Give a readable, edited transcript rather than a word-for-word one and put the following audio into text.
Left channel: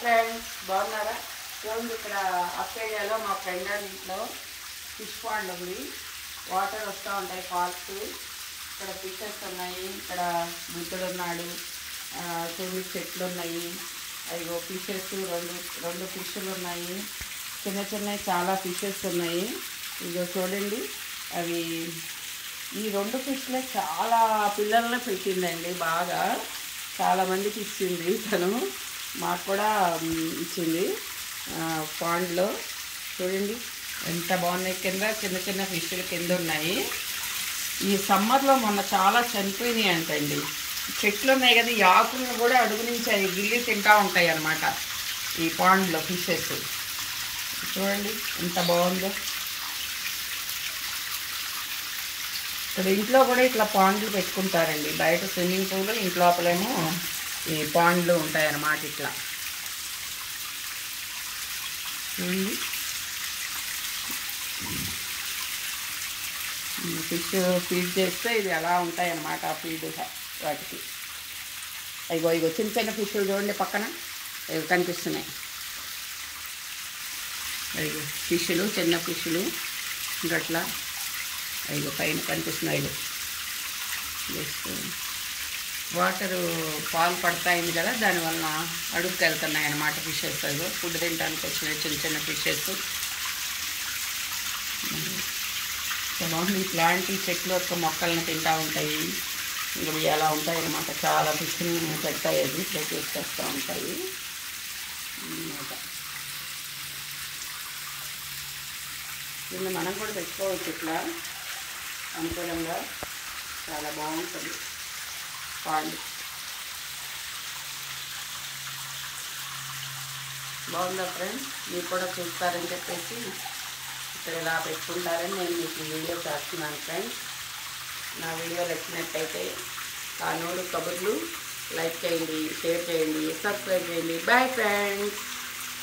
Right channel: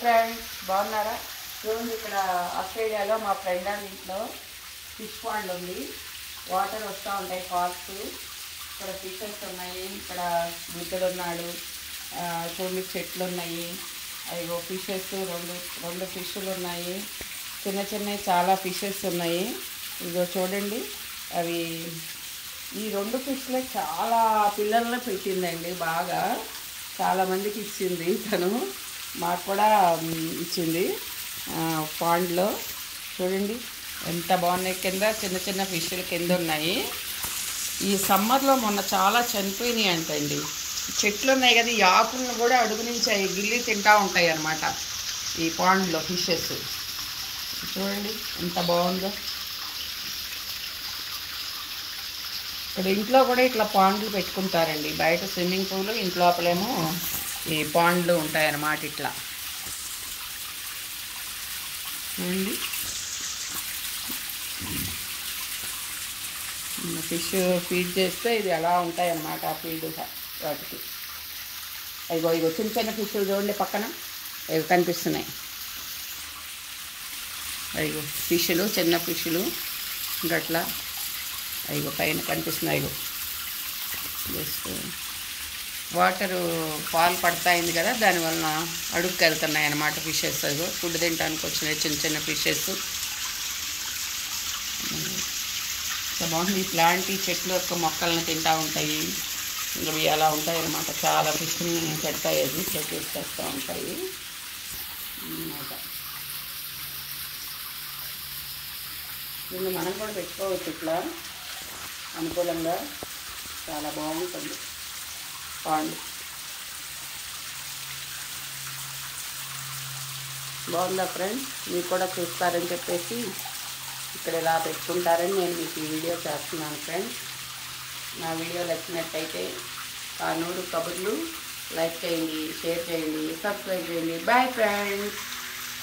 Friends బాగున్నారా? చూడండి, ఇక్కడ ఆస్ట్రేలియాలో మా ఫ్రెండ్ వాళ్ళ ఇంట్లో ఫిష్ పాండ్ ఉంది. వాటర్ వస్తూ ఉంటాయి, ఫాల్స్. ఇక్కడ ఫిషెస్ ఉన్నాయి. ఇక్కడ బుద్ధుడు ఉన్నాడు. చూడండి, చెట్లు ఉన్నాయి. అయ్యో ఫిషెస్ రెండు రెండు ఫిష్లు ఉన్నాయి. చిన్న చిన్నవి చాలా ఫిషెస్ ఉన్నాయి. ఇదిగో చూడండి, అవి ఈ రెండు ఫిష్లే చాలా పిల్లల్ని పెట్టిందండి. బాగా చాలామందికి ఇచ్చింది తను. మాకు కూడా ఇచ్చింది. పాండ్లో చూడండి ఎంత బాగున్నాయి. కింద చిన్న చిన్న ఫిష్లు కింద ఉన్నాయి. ఈ సమ్మర్లో మొన్న చాలా చనిపోయినాయి అంటండి. చెట్లు ఉన్నాయి కదా, ఈ ఆకులను కూడా అడుగు నుంచి అవి గిల్లి తింటూ ఉంటాయి అన్నమాట ఈ పాండ్లో ఫిషెస్. చూడండి ఎంత బాగుందో. ఇక్కడ ఇంట్లో కూడా ఇట్లా పాండ్లు పెట్టుకుంటారండి. బయట స్విమ్మింగ్ పూల్, ఇంట్లోపలేమో ఈ పాండ్లు ఉంటాయన్నమాట. ఇట్లా చూడండి, ఫిష్ ఫీడ్ చేస్తే ఇది ఎలా ఉంటాయన్నమాట ఆ ఫీడ్ వాటికి. ఇగో ఇగో చిన్న చిన్న ఫిష్లు చూడండి, పక్కన ఇవి కనిపిస్తున్నాయి. ఇగో ఫిష్లు, చిన్న ఫిష్లు గట్లా ఇగో పైన కనిపిస్తున్నాయి. ఇగో జస్ట్ వాటరు పాలు పడతాయింది కదా, దానివల్ల అడుగుకి వెళ్తున్నాయి అన్నమాట ఫిషెస్. అదిగో ఫుడ్ తినడానికి వచ్చినాయి చిన్న చిన్న ఫిషెస్. బాగుంది. ఇట్లాంటి చెట్లు యొక్క మొక్కల్ని తింటూ ఉంటాయి. ఇంకా అలా ఉంటాయి అన్నమాట. చాలా ఫిష్ని పెడతాయి, అది ఇట్లా తీసుకొస్తూ ఉంటాయి అన్నమాట. దీన్ని మనం కూడా పెట్టుకోవచ్చు ఇట్లా అనుకూలంగా. చాలా బాగుంటుంది పాండ్. బాగుందా ఫ్రెండ్స్? మీరు కూడా చూస్తారని చెప్పేసి ఇక్కడ ఇలా పెట్టుకుంటారని నేను మీకు ఈ వీడియో చేస్తున్నాను ఫ్రెండ్స్. నా వీడియో నచ్చినట్టయితే కానూరు కబుర్లు లైక్ చేయండి, షేర్ చేయండి, సబ్స్క్రైబ్ చేయండి. Bye friends.